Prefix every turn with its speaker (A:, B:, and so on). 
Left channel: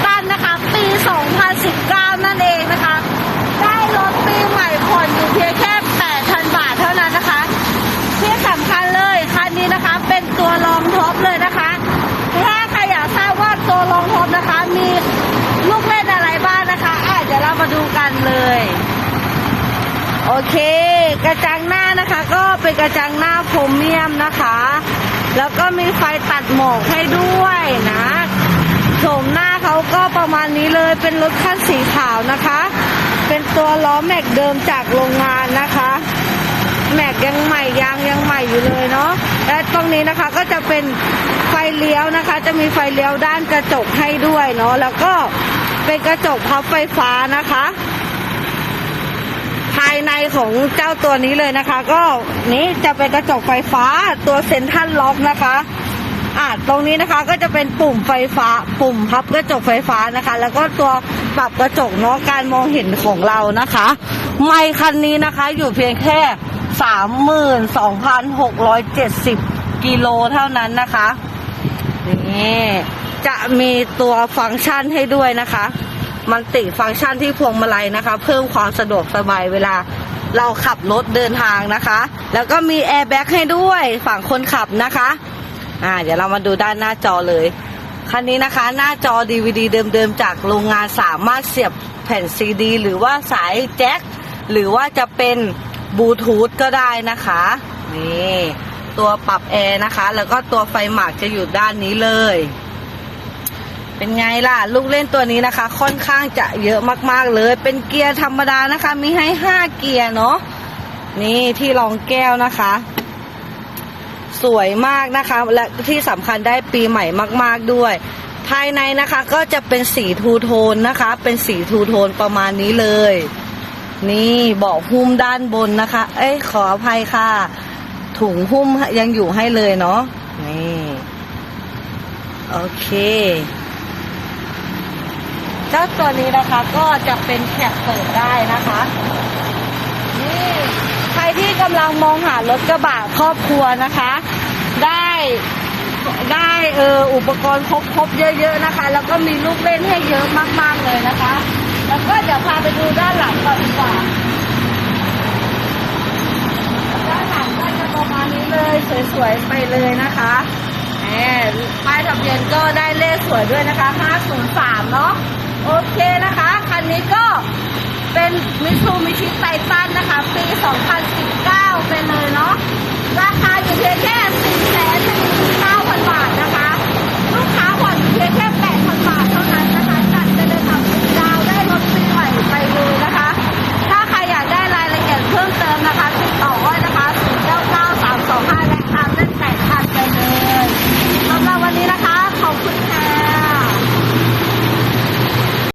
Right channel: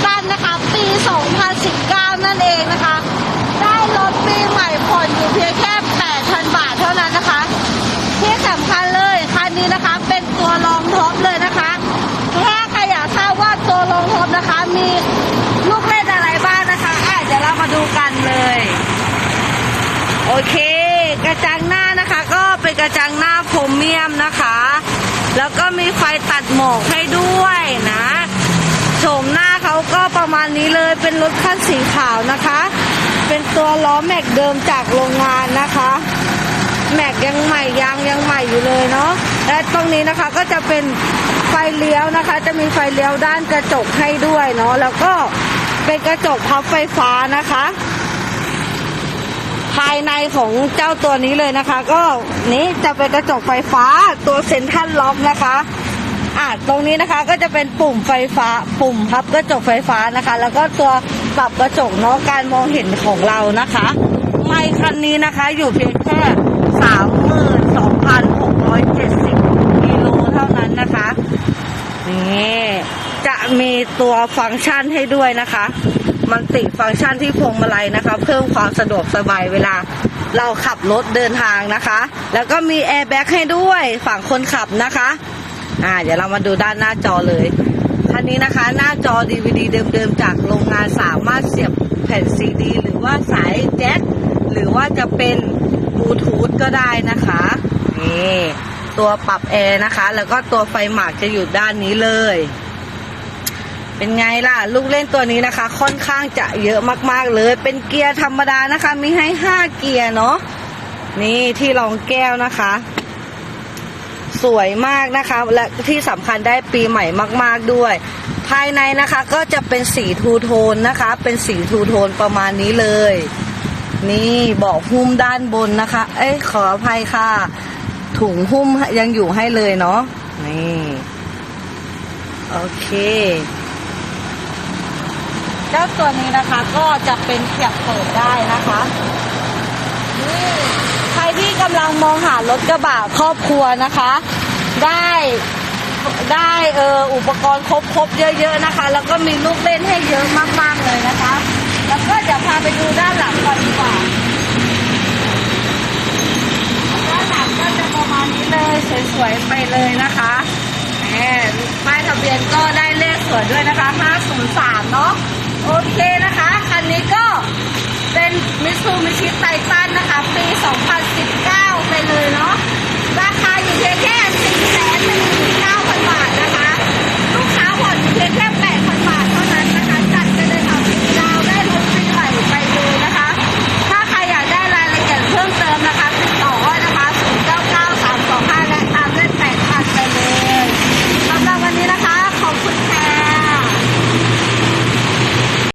A: ซูมิชิไททันนะคะ ปี 2019 นั่นเองนะคะ ได้รถปีใหม่ผ่อนอยู่เพียงแค่ 8,000 บาทเท่านั้นนะคะ ที่สำคัญเลยคันนี้นะคะเป็นตัวรองท็อปเลยนะคะถ้าใครอยากทราบว่าตัวรองท็อปนะคะ มีลูกเล่นอะไรบ้างนะคะอะเดี๋ยวเรามาดูกันเลย โอเค กระจังหน้านะคะ ก็เป็นกระจังหน้าโพรเมียมนะคะ แล้วก็มีไฟตัดหมอกให้ด้วยนะ โฉมหน้าเขาก็ประมาณนี้เลยเป็นรถคันสีขาวนะคะ เป็นตัวล้อแม็กเดิมจากโรงงานนะคะ แม็กยังใหม่ยางยังใหม่อยู่เลยเนาะและตรงนี้นะคะก็จะเป็นไฟเลี้ยวนะคะ จะมีไฟเลี้ยวด้านกระจกให้ด้วยเนาะแล้วก็เป็นกระจกพับไฟฟ้านะคะ ภายในของเจ้าตัวนี้เลยนะคะ ก็นี้จะเป็นกระจกไฟฟ้าตัวเซ็นทรัลล็อกนะคะ อะตรงนี้นะคะก็จะเป็นปุ่มไฟฟ้า ปุ่มพับกระจกไฟฟ้านะคะ แล้วก็ตัวปรับกระจกเนาะการมองเห็นของเรานะคะไม่คันนี้นะคะอยู่เพียงแค่สามหมื่นสองพันหกร้อยเจ็ดสิบกิโลเท่านั้นนะคะนี่จะมีตัวฟังก์ชันให้ด้วยนะคะ มันติฟังก์ชันที่พวงมาลัยนะคะ เพิ่มความสะดวกสบายเวลาเราขับรถเดินทางนะคะ แล้วก็มีแอร์แบ็กให้ด้วยฝั่งคนขับนะคะ อ่า เดี๋ยวเรามาดูด้านหน้าจอเลย คันนี้นะคะ หน้าจอ DVD เดิมๆ จากโรงงานสามารถเสียบแผ่นซีดี หรือว่าสายแจ็คหรือว่าจะเป็นบลูทูธก็ได้นะคะ นี่ตัวปรับแอร์นะคะ แล้วก็ตัวไฟหมากจะอยู่ด้านนี้เลย เป็นไงล่ะ ลูกเล่นตัวนี้นะคะ ค่อนข้างจะเยอะมากๆเลย เป็นเกียร์ธรรมดานะคะ มีให้ห้าเกียร์เนาะนี่ที่รองแก้วนะคะ สวยมากนะคะ และที่สำคัญได้ปีใหม่มาก ๆด้วย ภายในนะคะก็จะเป็นสีทูโทนนะคะ เป็นสีทูโทนประมาณนี้เลย นี่เบาะหุ้มด้านบนนะคะ เอ้ยขออภัยค่ะ ถุงหุ้มยังอยู่ให้เลยเนาะนี่โอเคเจ้าตัวนี้นะคะก็จะเป็นแคปเปิดได้นะคะนี่ ใครที่กำลังมองหารถกระบะครอบครัวนะคะ ได้ได้เอออุปกรณ์ครบครบๆเยอะๆนะคะ แล้วก็มีลูกเล่นให้เยอะมากๆเลยนะคะ แล้วก็เดี๋ยวพาไปดูด้านหลังก่อนดีกว่าด้านหลังก็จะประมาณนี้เลยสวยๆไปเลยนะคะแหมป้ายทะเบียนก็ได้เลขสวยด้วยนะคะ 503 เนาะโอเคนะคะ คันนี้ก็ เป็นมิซูมิชิไททันนะคะ ปี 2019 ไปเลยเนาะ ราคาอยู่เพียงแค่4 1 9 0 0 0